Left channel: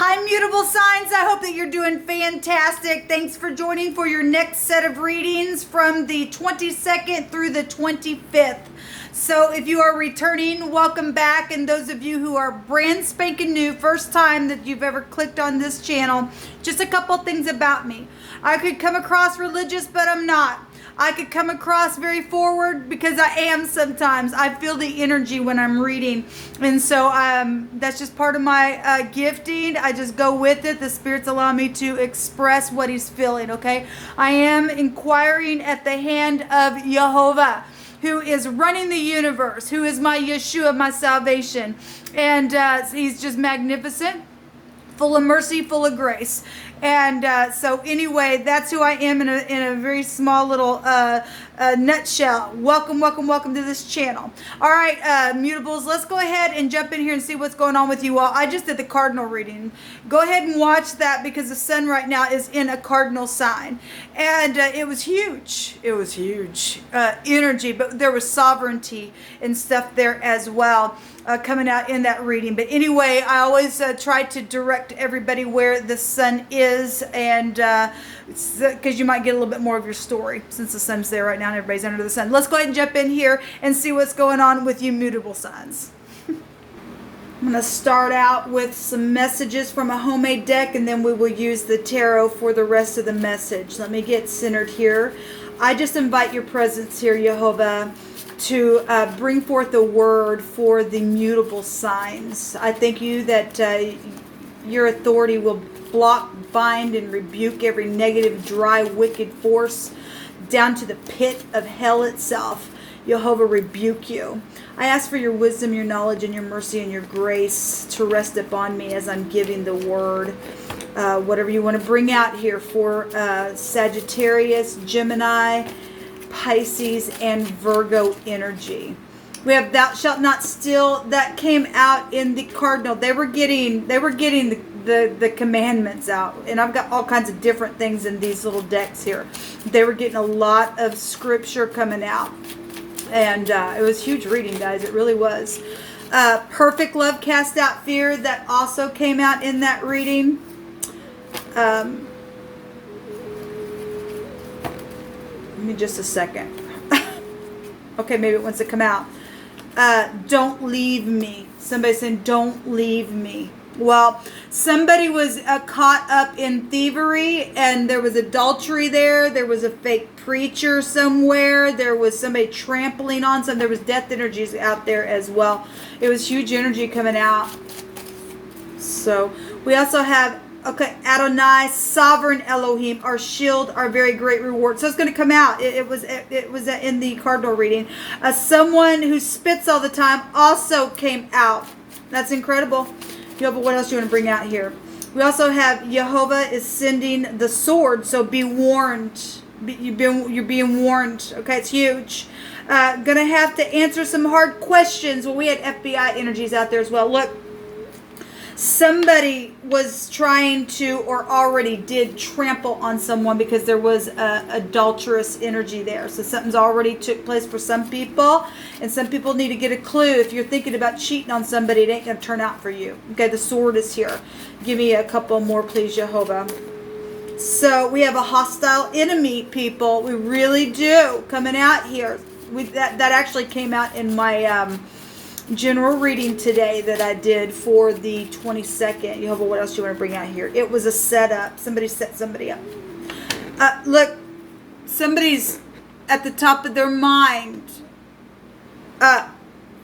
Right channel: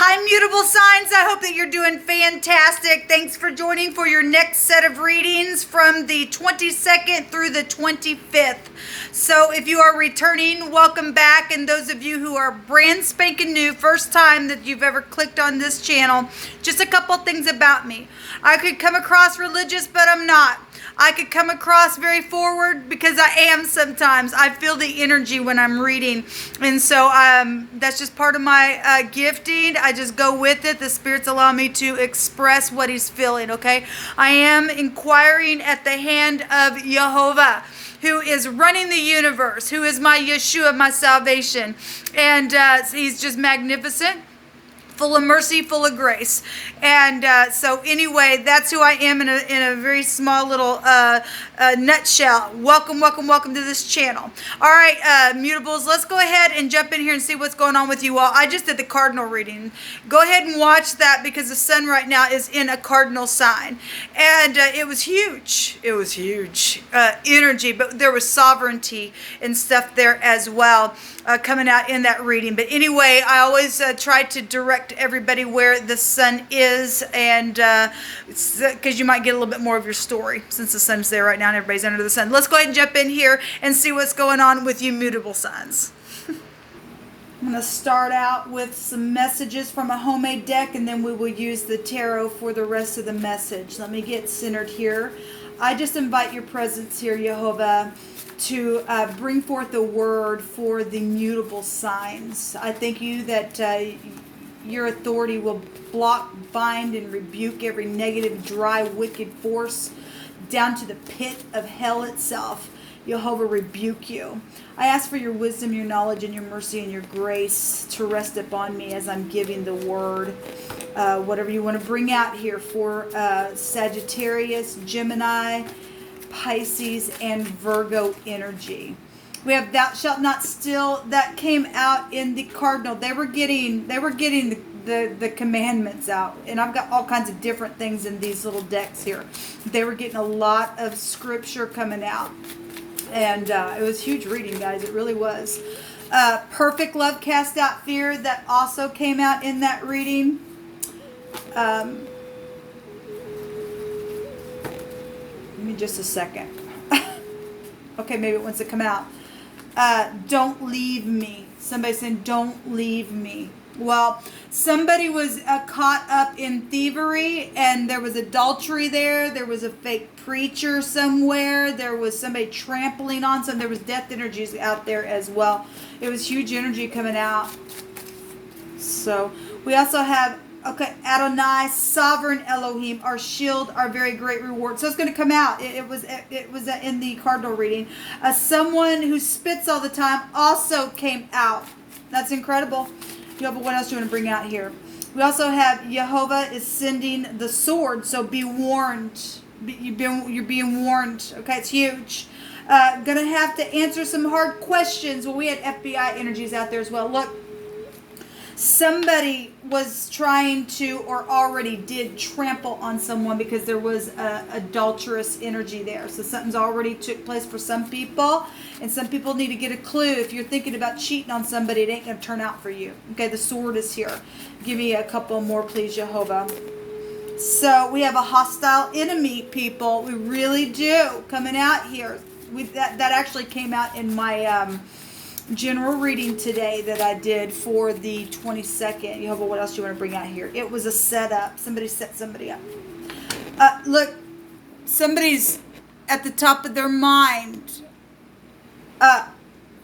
Hi, mutable signs. I hope that you're doing fantastic. Thanks for joining for your next set of readings from the 22nd through the 25th. So if you are returning, welcome back. And those of you who are brand spanking new, first time that you've ever clicked on this channel, just a couple things about me. I could come across religious, but I'm not. I could come across very forward because I am sometimes. I feel the energy when I'm reading. And so that's just part of my gifting. I just go with it. The spirits allow me to express what he's feeling, okay? I am inquiring at the hand of Jehovah, who is running the universe, who is my Yeshua, my salvation. And he's just magnificent, full of mercy, full of grace. And so anyway, that's who I am in a very small little nutshell. Welcome to this channel. All right, mutables, let's go ahead and jump in here and see what's going on with you all. I just did the cardinal reading. Go ahead and watch that because the sun right now is in a cardinal sign. And it was huge. It was huge energy, but there was sovereignty and stuff there as well coming out in that reading. But anyway, I always try to direct everybody where the sun is, and because you might get a little bit more of your story since the sun's there right now and everybody's under the sun. Let's go ahead and jump in here and see what's going on with you mutable signs. I'm going to start out with some messages from a homemade deck, and then we will use the tarot for the rest of the message. Let me get centered here. I just invite your presence here, Jehovah, to bring forth a word for the mutable signs. I thank you that your authority will block, bind, and rebuke every negative, dry, wicked force down to the pit of hell itself. Jehovah, rebuke you. I ask for your wisdom, your knowledge, and your mercy and your grace to rest upon me as I'm giving the word. Whatever you want to bring out here for Sagittarius, Gemini, Pisces, and Virgo energy. We have thou shalt not steal. That came out in the cardinal. They were getting the commandments out, and I've got all kinds of different things in these little decks here. They were getting a lot of scripture coming out, and it was huge reading, guys. It really was. Perfect love cast out fear. That also came out in that reading. Give me just a second. Okay, maybe it wants to come out. Don't leave me. Somebody's saying, don't leave me. Well, somebody was caught up in thievery, and there was adultery there. There was a fake preacher somewhere. There was somebody trampling on some. There was death energies out there as well. It was huge energy coming out. So we also have, okay, Adonai, sovereign Elohim, our shield, our very great reward. So it's going to come out. It was in the cardinal reading. Someone who spits all the time also came out. That's incredible. Jehovah, what else do you want to bring out here? We also have Jehovah is sending the sword, so be warned. You're being warned. Okay, it's huge. Gonna have to answer some hard questions. Well, we had FBI energies out there as well. Look, somebody was trying to, or already did, trample on someone because there was adulterous energy there. So something's already took place for some people, and some people need to get a clue. If you're thinking about cheating on somebody, it ain't going to turn out for you. Okay, the sword is here. Give me a couple more, please, Jehovah. So we have a hostile enemy, people. We really do, coming out here. That actually came out in my general reading today that I did for the 22nd. Jehovah, what else do you want to bring out here? It was a setup. Somebody set somebody up. Look, somebody's at the top of their mind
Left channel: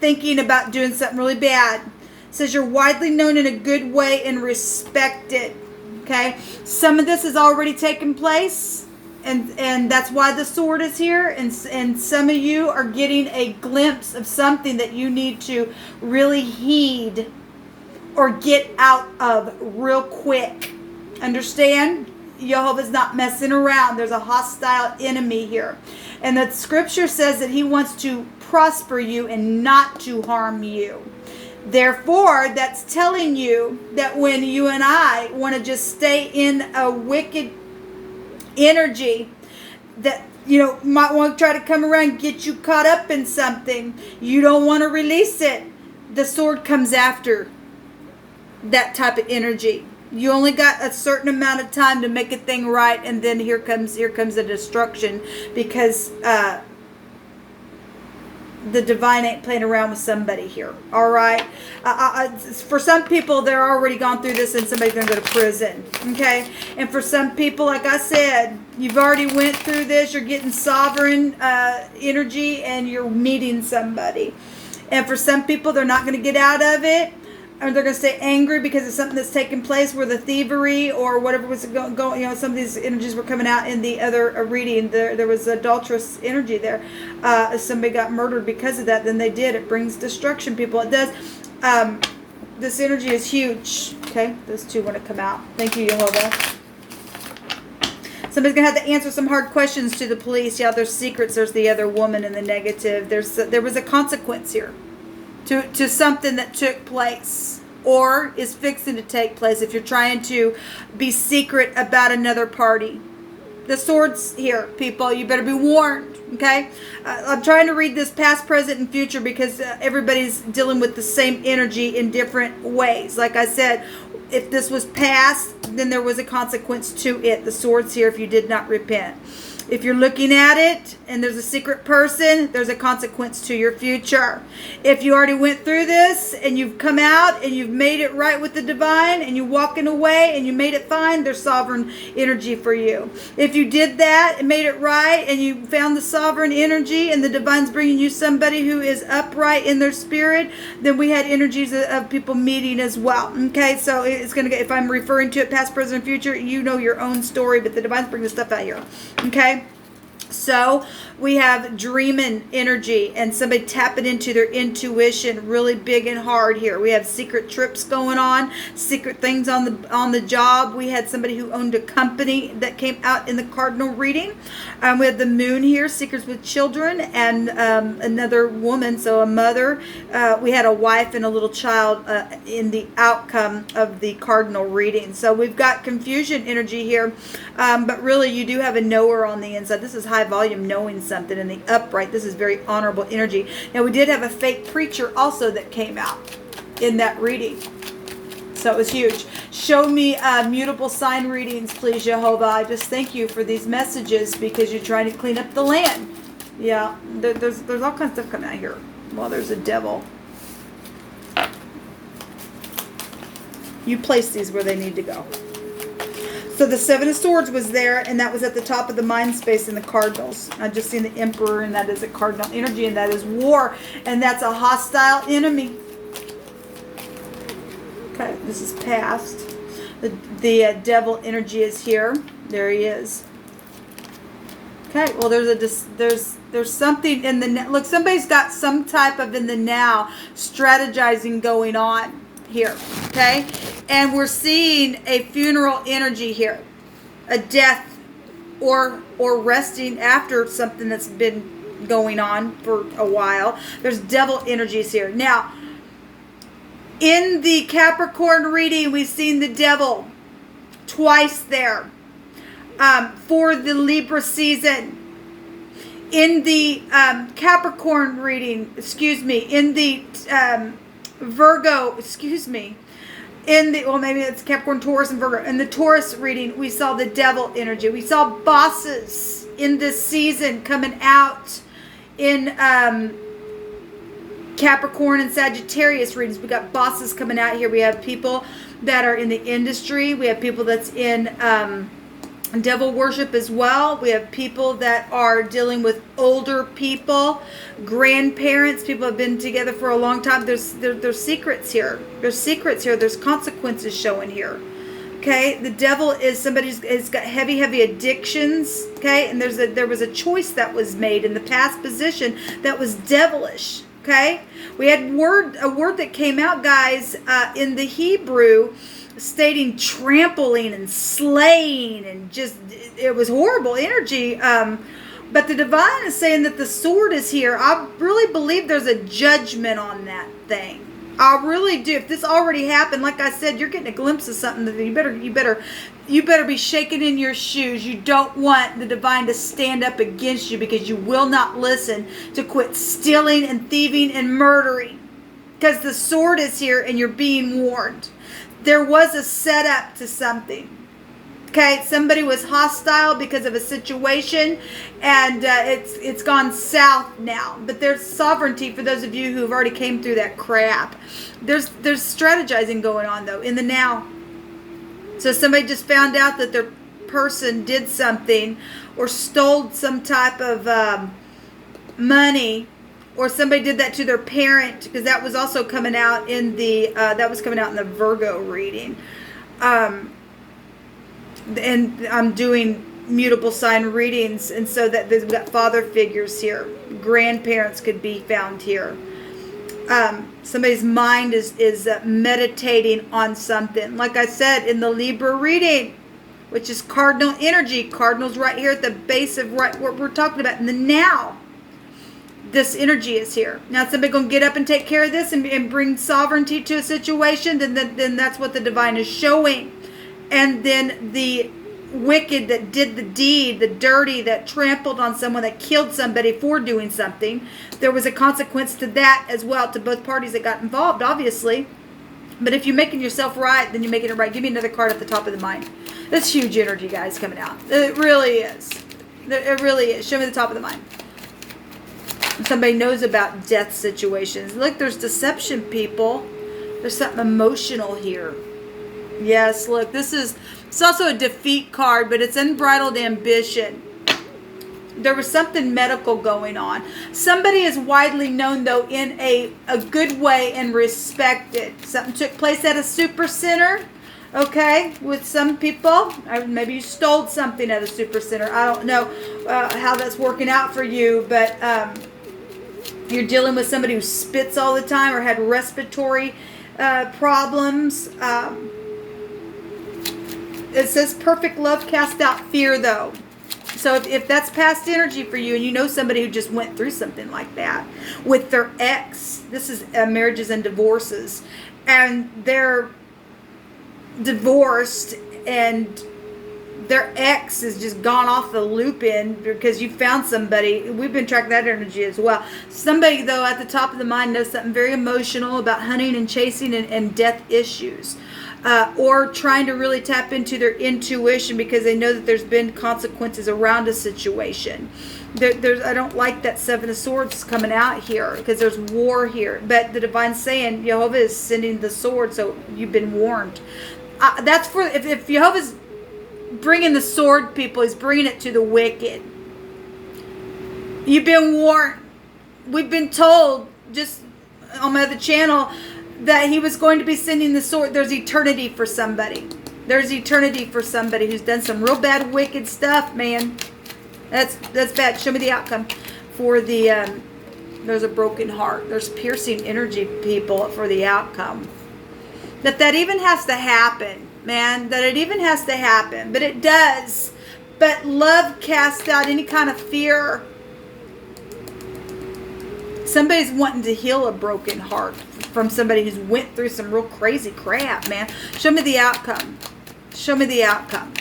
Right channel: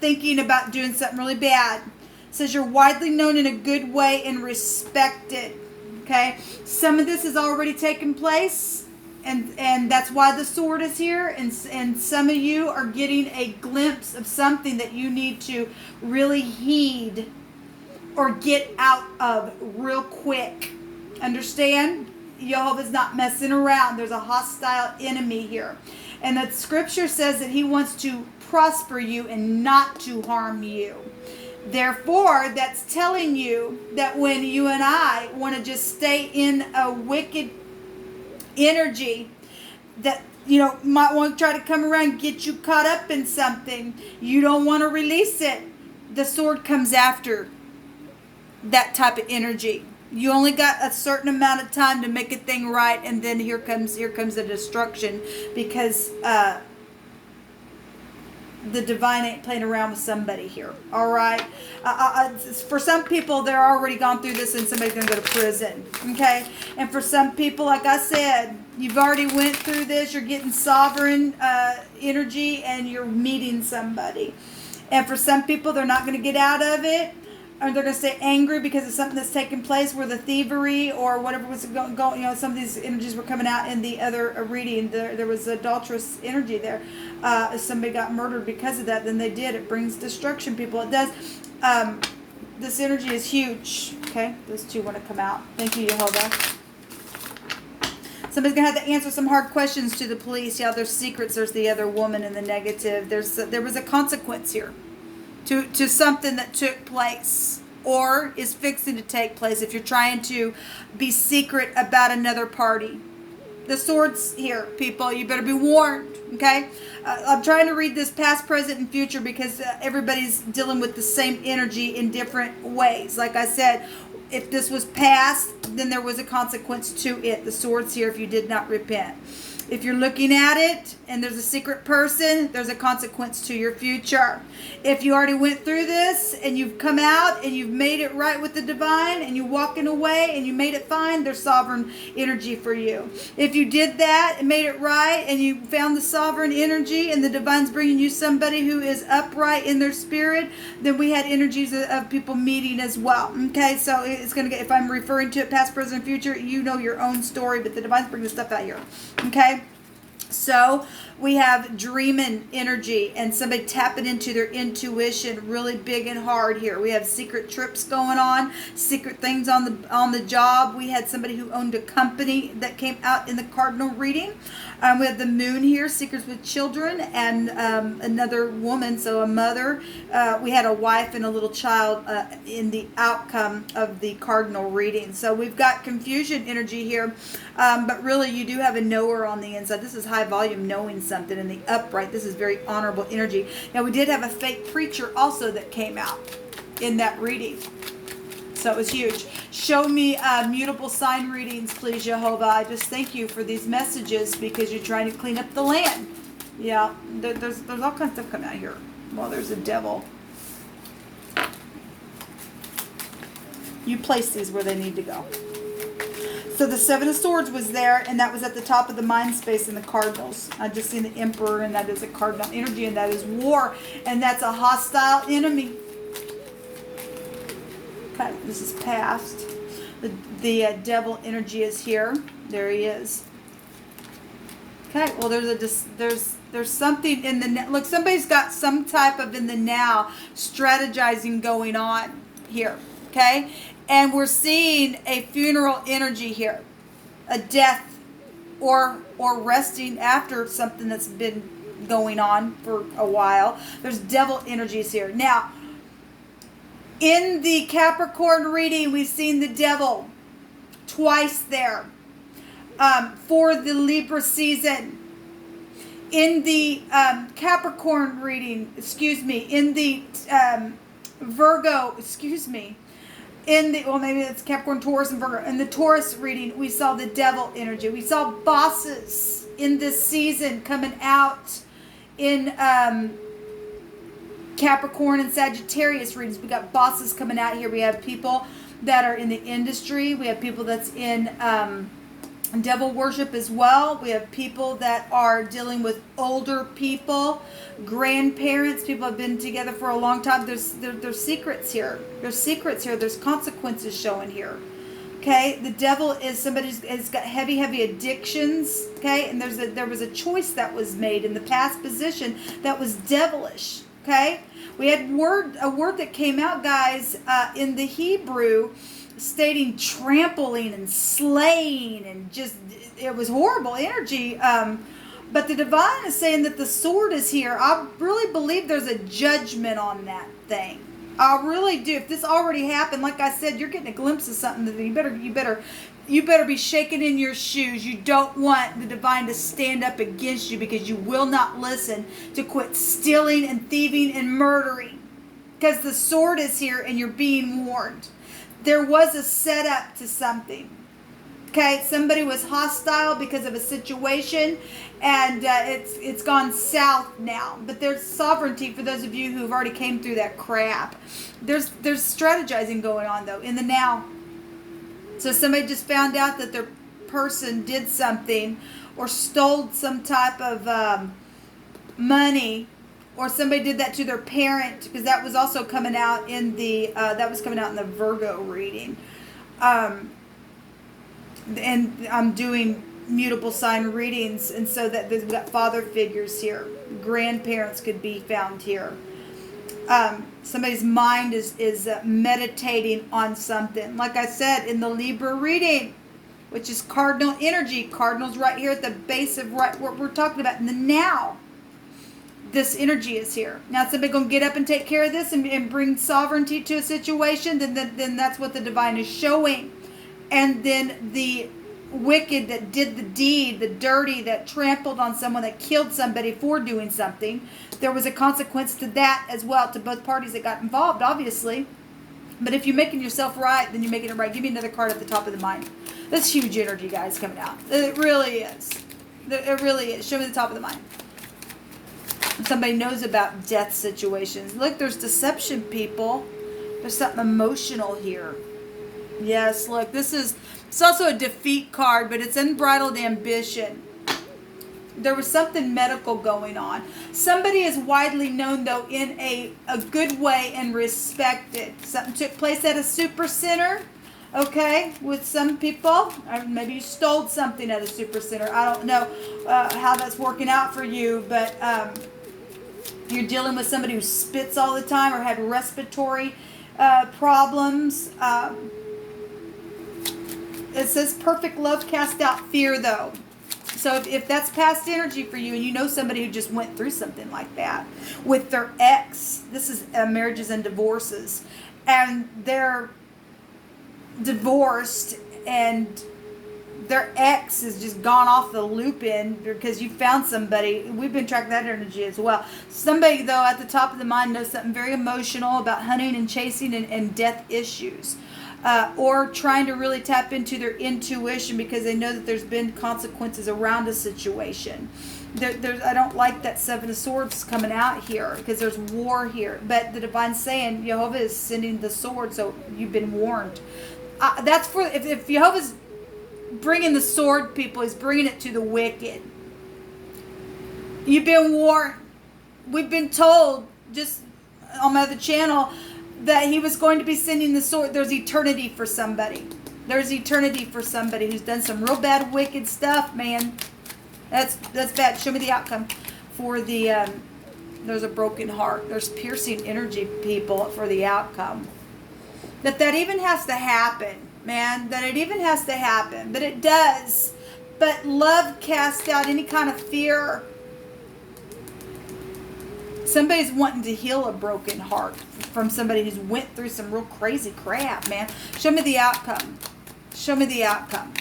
thinking about doing something really bad. It says you're widely known in a good way and respected. Okay? Some of this has already taken place. And that's why the sword is here. And some of you are getting a glimpse of something that you need to really heed or get out of real quick. Understand? Jehovah's not messing around. There's a hostile enemy here. And the scripture says that he wants to prosper you and not to harm you. Therefore, that's telling you that when you and I want to just stay in a wicked energy that, you know, might want to try to come around and get you caught up in something, you don't want to release it. The sword comes after that type of energy. You only got a certain amount of time to make a thing right, and then here comes the destruction, because the divine ain't playing around with somebody here. All right. For some people, they're already gone through this, and somebody's going to go to prison. Okay. And for some people, like I said, you've already went through this. You're getting sovereign energy, and you're meeting somebody. And for some people, they're not going to get out of it. Or they're going to stay angry because of something that's taken place, where the thievery or whatever was going, some of these energies were coming out in the other reading. There was adulterous energy there. Somebody got murdered because of that. Then they did. It brings destruction, people. It does. This energy is huge. Okay, those two want to come out. Thank you, Jehovah. Somebody's going to have to answer some hard questions to the police. Yeah, there's secrets. There's the other woman in the negative. There was a consequence here to something that took place or is fixing to take place if you're trying to be secret about another party. The swords here, people. You better be warned, okay? I'm trying to read this past, present, and future because everybody's dealing with the same energy in different ways. Like I said, if this was past, then there was a consequence to it. The swords here if you did not repent. If you're looking at it and there's a secret person, there's a consequence to your future. If you already went through this and you've come out and you've made it right with the divine and you're walking away and you made it fine, there's sovereign energy for you. If you did that and made it right and you found the sovereign energy and the divine's bringing you somebody who is upright in their spirit, then we had energies of people meeting as well. Okay, so it's going to get, if I'm referring to it past, present, future, you know your own story, but the divine's bringing the stuff out here. Okay. So we have dreaming energy and somebody tapping into their intuition really big and hard here. We have secret trips going on, secret things on the job. We had somebody who owned a company that came out in the cardinal reading. We have the moon here, secrets with children, and another woman, so a mother. We had a wife and a little child in the outcome of the cardinal reading. So we've got confusion energy here, but really you do have a knower on the inside. This is high volume knowing something. In the upright, this is very honorable energy. Now we did have a fake preacher also that came out in that reading, so it was huge. Show me mutable sign readings, please, Jehovah. I just thank you for these messages because you're trying to clean up the land. Yeah, there's all kinds of stuff coming out here. Well, there's a devil. You place these where they need to go. So the Seven of Swords was there, and that was at the top of the mind space in the Cardinals. I just seen the Emperor, and that is a cardinal energy, and that is war, and that's a hostile enemy. Okay, this is past. The devil energy is here. There he is. Okay, well there's something in the look. Somebody's got some type of in the now strategizing going on here. Okay. And we're seeing a funeral energy here, a death or resting after something that's been going on for a while. There's devil energies here. Now, in the Capricorn reading, we've seen the devil twice there for the Libra season. In the Capricorn reading, in the Virgo, maybe it's Capricorn, Taurus, and Virgo. In the Taurus reading, we saw the devil energy. We saw bosses in this season coming out in Capricorn and Sagittarius readings. We got bosses coming out here. We have people that are in the industry. We have people that's in devil worship as well. We have people that are dealing with older people, grandparents. People have been together for a long time. There's secrets here. There's secrets here. There's consequences showing here. Okay, the devil is somebody's got heavy addictions. Okay, and there was a choice that was made in the past position that was devilish. Okay, we had a word that came out, guys, in the Hebrew, stating trampling and slaying, and just it was horrible energy. But the divine is saying that the sword is here. I really believe there's a judgment on that thing. I really do. If this already happened, like I said, you're getting a glimpse of something that you better be shaking in your shoes. You don't want the divine to stand up against you because you will not listen to quit stealing and thieving and murdering. Because the sword is here and you're being warned. there was a setup to something. Okay, somebody was hostile because of a situation, and it's gone south now. But there's sovereignty for those of you who have already came through that crap. There's strategizing going on though in the now. So somebody just found out that their person did something or stole some type of money, or somebody did that to their parent, because that was also coming out in the Virgo reading. And I'm doing mutable sign readings, and so that we've got father figures here. Grandparents could be found here. Somebody's mind is meditating on something. Like I said, in the Libra reading, which is cardinal energy. Cardinal's right here at the base of what we're talking about in the now. This energy is here. Now, somebody going to get up and take care of this and bring sovereignty to a situation, then that's what the divine is showing. And then the wicked that did the deed, the dirty, that trampled on someone, that killed somebody for doing something, there was a consequence to that as well, to both parties that got involved, obviously. But if you're making yourself right, then you're making it right. Give me another card at the top of the mind. That's huge energy, guys, coming out. It really is. It really is. Show me the top of the mind. Somebody knows about death situations. Look, there's deception, people. There's something emotional here. Yes, look, it's also a defeat card, but it's unbridled ambition. There was something medical going on. Somebody is widely known, though, in a good way and respected. Something took place at a super center, okay, with some people. Or maybe you stole something at a super center. I don't know how that's working out for you, but you're dealing with somebody who spits all the time or had respiratory problems. It says perfect love cast out fear, though. So if that's past energy for you, and you know somebody who just went through something like that with their ex, this is marriages and divorces, and they're divorced and their ex has just gone off the loop in because you found somebody. We've been tracking that energy as well. Somebody, though, at the top of the mind knows something very emotional about hunting and chasing and death issues. Or trying to really tap into their intuition because they know that there's been consequences around a situation. I don't like that Seven of Swords coming out here because there's war here. But the divine's saying Jehovah is sending the sword, so you've been warned. That's for if Jehovah's bringing the sword, people, he's bringing it to the wicked. You've been warned. We've been told just on my other channel that he was going to be sending the sword. There's eternity for somebody. There's eternity for somebody who's done some real bad, wicked stuff, man. That's bad. Show me the outcome for the, there's a broken heart. There's piercing energy, people, for the outcome. That even has to happen, man. That it even has to happen. But it does. But love casts out any kind of fear. Somebody's wanting to heal a broken heart from somebody who's went through some real crazy crap, man. Show me the outcome. Show me the outcome.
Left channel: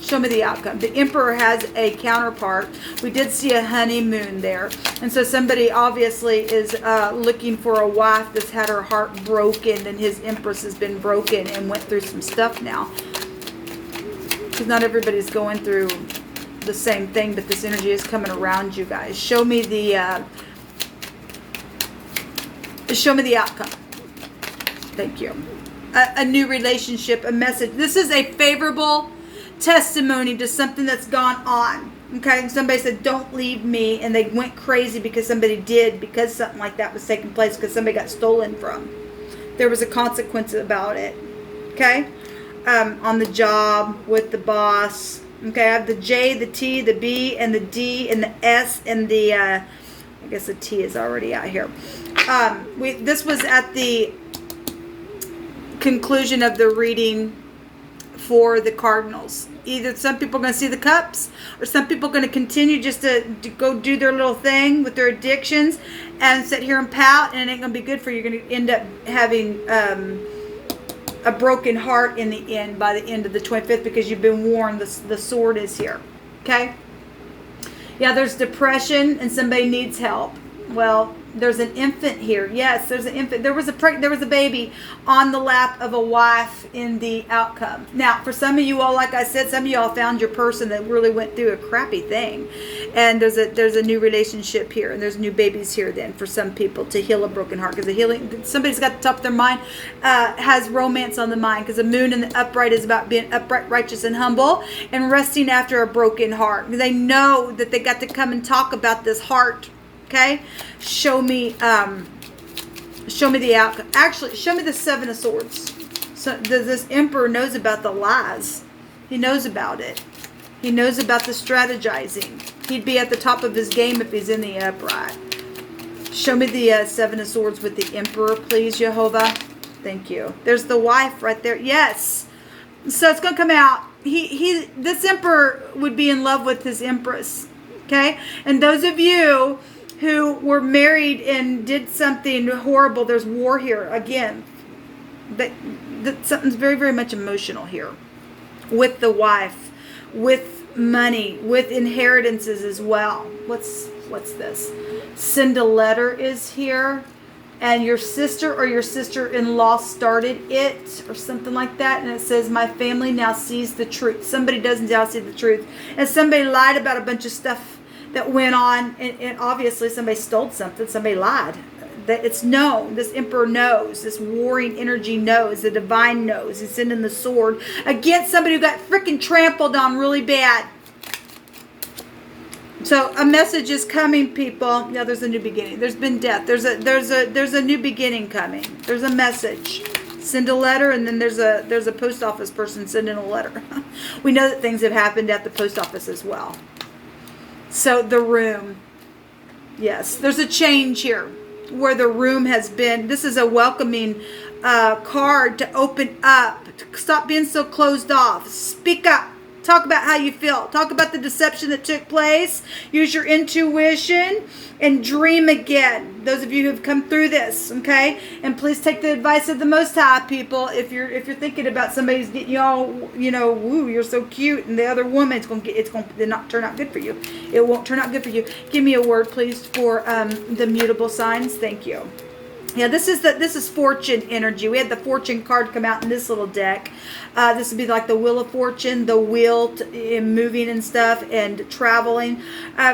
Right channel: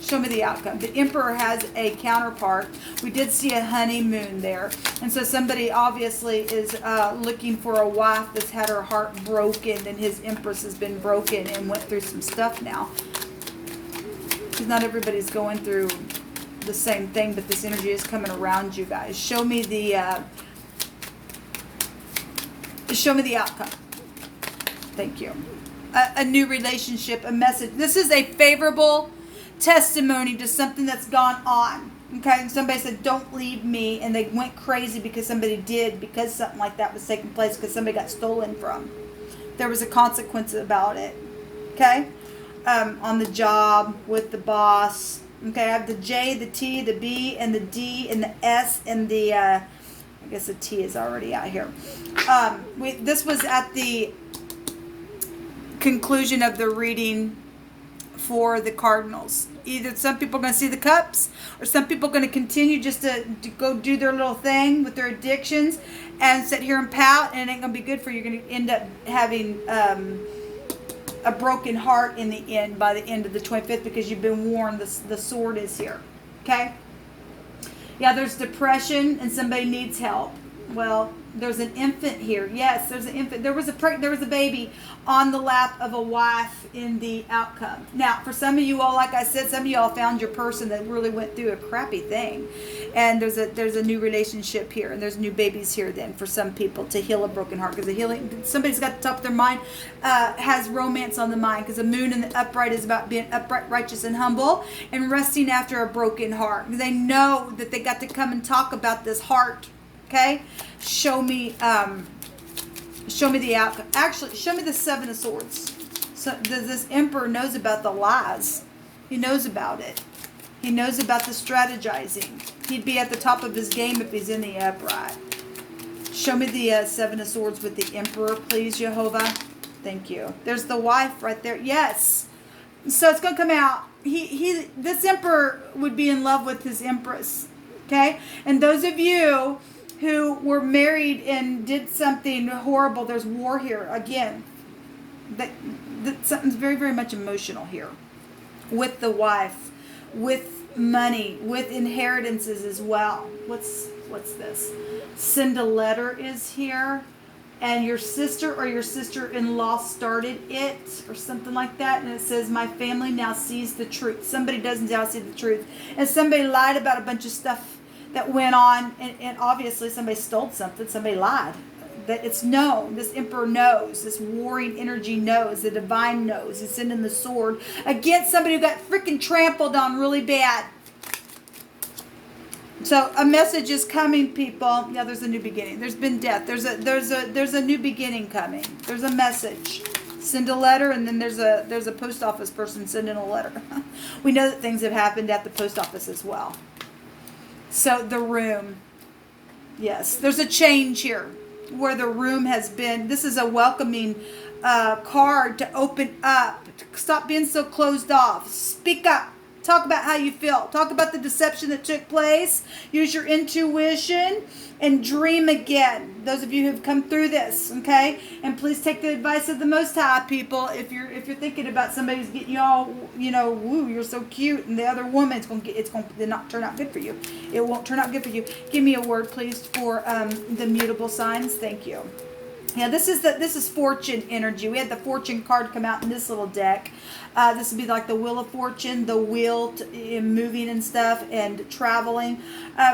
Show me the outcome. The Emperor has a counterpart. We did see a honeymoon there. And so somebody obviously is looking for a wife that's had her heart broken, and his Empress has been broken and went through some stuff now. Because not everybody's going through the same thing, but this energy is coming around you guys. Show me the... show me the outcome. Thank you. A new relationship, a message. This is a favorable testimony to something that's gone on. Okay, and somebody said, don't leave me, and they went crazy because somebody did, because something like that was taking place, because somebody got stolen from. There was a consequence about it. Okay, on the job, with the boss. Okay, I have the J, the T, the B, and the D, and the S, and the, I guess the T is already out here. This was at the conclusion of the reading for the cardinals. Either some people are going to see the cups, or some people are going to continue just to go do their little thing with their addictions and sit here and pout, and it ain't going to be good for you. You're going to end up having a broken heart in the end, by the end of the 25th, because you've been warned. The sword is here. Okay? Yeah, there's depression and somebody needs help. Well, there's an infant here. Yes, there's an infant. There was a baby on the lap of a wife in the outcome. Now, for some of you all, like I said, some of y'all found your person that really went through a crappy thing, and there's a new relationship here, and there's new babies here. Then for some people to heal a broken heart, because the healing, somebody's got the top of their mind has romance on the mind, because the moon in the upright is about being upright, righteous, and humble, and resting after a broken heart. They know that they got to come and talk about this heart. Okay, show me the outcome. Actually, show me the Seven of Swords. So this Emperor knows about the lies. He knows about it. He knows about the strategizing. He'd be at the top of his game if he's in the upright. Show me the Seven of Swords with the Emperor, please, Jehovah. Thank you. There's the wife right there. Yes. So it's going to come out. This Emperor would be in love with his Empress. Okay, and those of you who were married and did something horrible, there's war here again. That something's very, very much emotional here with the wife, with money, with inheritances as well. What's this? Send a letter is here, and your sister or your sister-in-law started it or something like that, and it says, my family now sees the truth. Somebody doesn't now see the truth, and somebody lied about a bunch of stuff that went on, and obviously somebody stole something, somebody lied. That it's known. This Emperor knows. This warring energy knows. The divine knows. He's sending the sword against somebody who got freaking trampled on really bad. So a message is coming, people. Yeah, there's a new beginning. There's been death. There's a new beginning coming. There's a message. Send a letter, and then there's a post office person sending a letter. We know that things have happened at the post office as well. So the room, yes, there's a change here where the room has been. This is a welcoming card to open up, to stop being so closed off. Speak up. Talk about how you feel. Talk about the deception that took place. Use your intuition and dream again. Those of you who have come through this, okay? And please take the advice of the Most High, people. If you're thinking about somebody's getting you all, woo, you're so cute, and the other woman, it's going to not turn out good for you. It won't turn out good for you. Give me a word, please, for the mutable signs. Thank you. Yeah, this is fortune energy. We had the fortune card come out in this little deck. This would be like the wheel of fortune, the wheel in moving and stuff and traveling.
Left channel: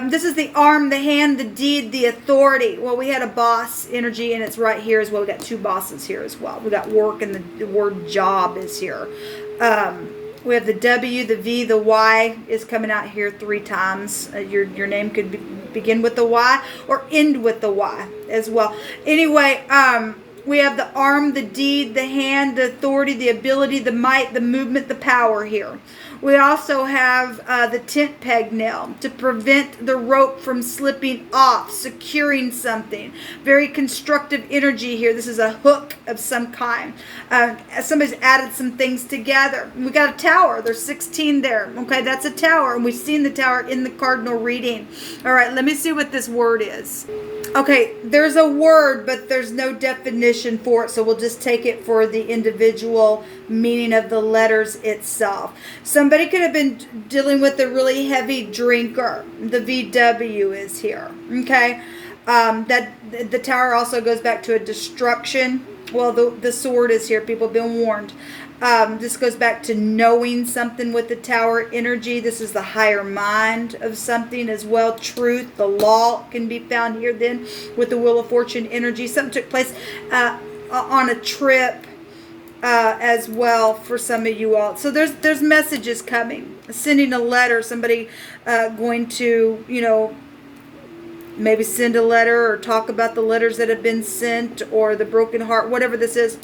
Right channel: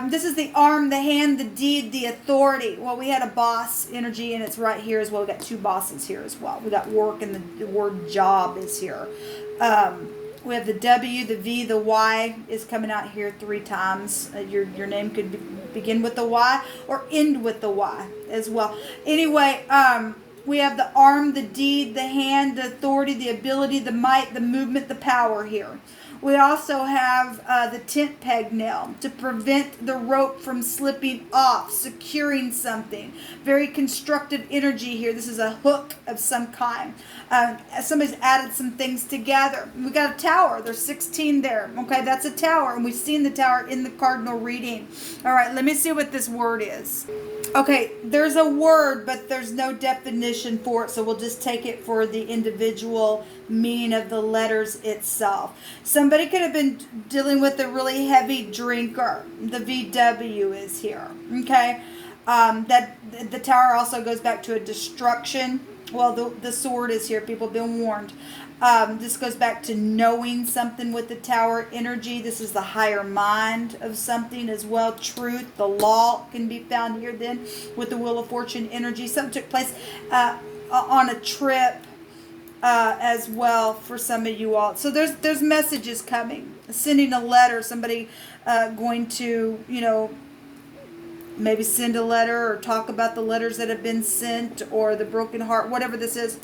This is the arm, the hand, the deed, the authority. Well, we had a boss energy, and it's right here as well. We got two bosses here as well. We got work, and the word job is here. We have the W, the V, the Y is coming out here 3 times. Your name could begin with the Y or end with the Y as well. Anyway, we have the arm, the deed, the hand, the authority, the ability, the might, the movement, the power here. We also have the tent peg nail to prevent the rope from slipping off, securing something. Very constructive energy here. This is a hook of some kind. Somebody's added some things together. We got a tower. There's 16 there. Okay, that's a tower, and we've seen the tower in the cardinal reading. All right, let me see what this word is. Okay, there's a word, but there's no definition for it, so we'll just take it for the individual meaning of the letters itself. Somebody could have been dealing with a really heavy drinker. The VW is here. Okay, that the tower also goes back to a destruction. Well, the sword is here. People have been warned. This goes back to knowing something with the tower energy. This is the higher mind of something as well. Truth, the law can be found here then with the Wheel of Fortune energy. Something took place on a trip as well for some of you all. So there's messages coming. Sending a letter. Somebody going to, maybe send a letter or talk about the letters that have been sent or the broken heart, whatever this is.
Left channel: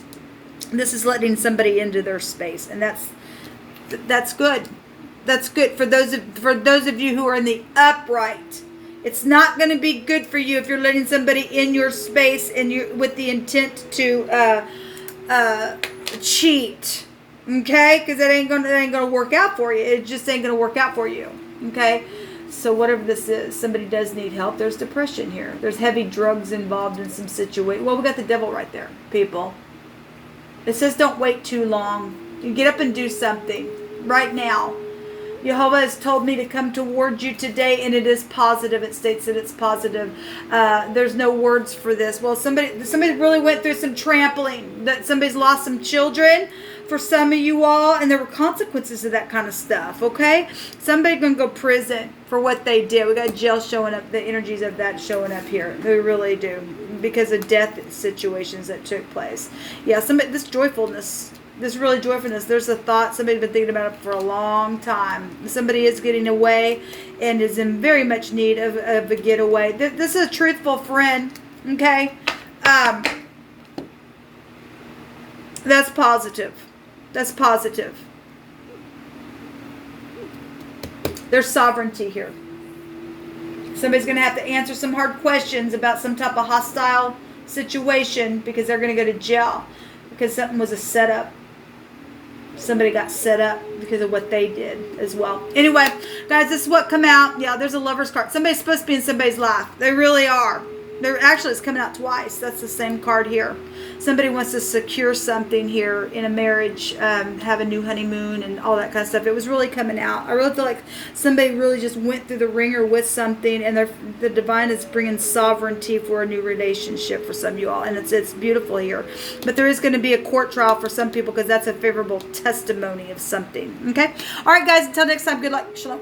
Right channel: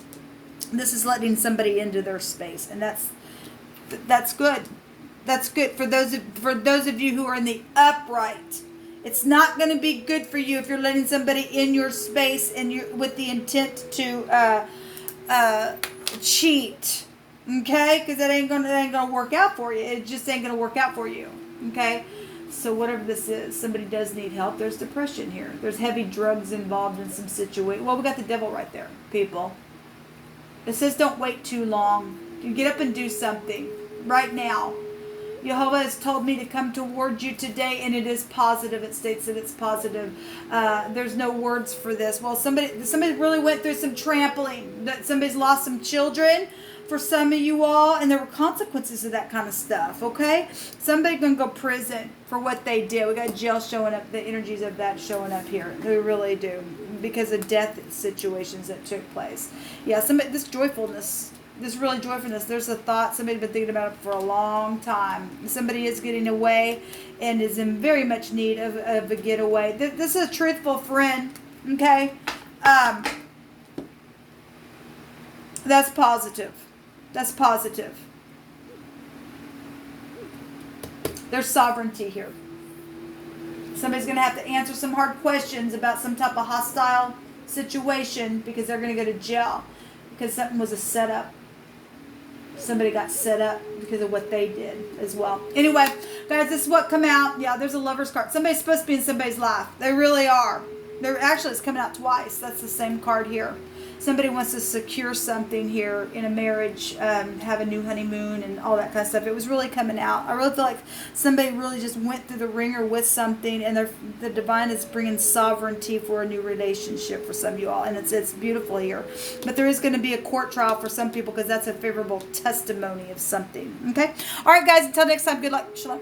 This is letting somebody into their space, and that's good. That's good for those of you who are in the upright. It's not going to be good for you if you're letting somebody in your space and you with the intent to cheat. Okay, because that ain't gonna work out for you. It just ain't gonna work out for you. Okay. So whatever this is, somebody does need help. There's depression here. There's heavy drugs involved in some situation. Well, we got the devil right there, people. It says don't wait too long. You get up and do something right now. Jehovah has told me to come toward you today, and it is positive. It states that it's positive. There's no words for this. Well, somebody really went through some trampling. That somebody's lost some children for some of you all, and there were consequences of that kind of stuff. Okay, somebody gonna go prison for what they did. We got jail showing up. The energies of that showing up here. They really do, because of death situations that took place. Yeah, this joyfulness. This really joyfulness. There's a thought. Somebody's been thinking about it for a long time. Somebody is getting away and is in very much need of a getaway. This is a truthful friend. Okay. That's positive. That's positive. There's sovereignty here. Somebody's going to have to answer some hard questions about some type of hostile situation, because they're going to go to jail because something was a setup. Somebody got set up because of what they did as well. Anyway, guys, this is what come out. Yeah, there's a Lover's card. Somebody's supposed to be in somebody's life. They really are. They're actually, it's coming out twice. That's the same card here. Somebody wants to secure something here in a marriage, have a new honeymoon and all that kind of stuff. It was really coming out. I really feel like somebody really just went through the ringer with something, and the divine is bringing sovereignty for a new relationship for some of you all, and it's beautiful here. But there is going to be a court trial for some people, because that's a favorable testimony of something. Okay? All right, guys, until next time, good luck. Shalom.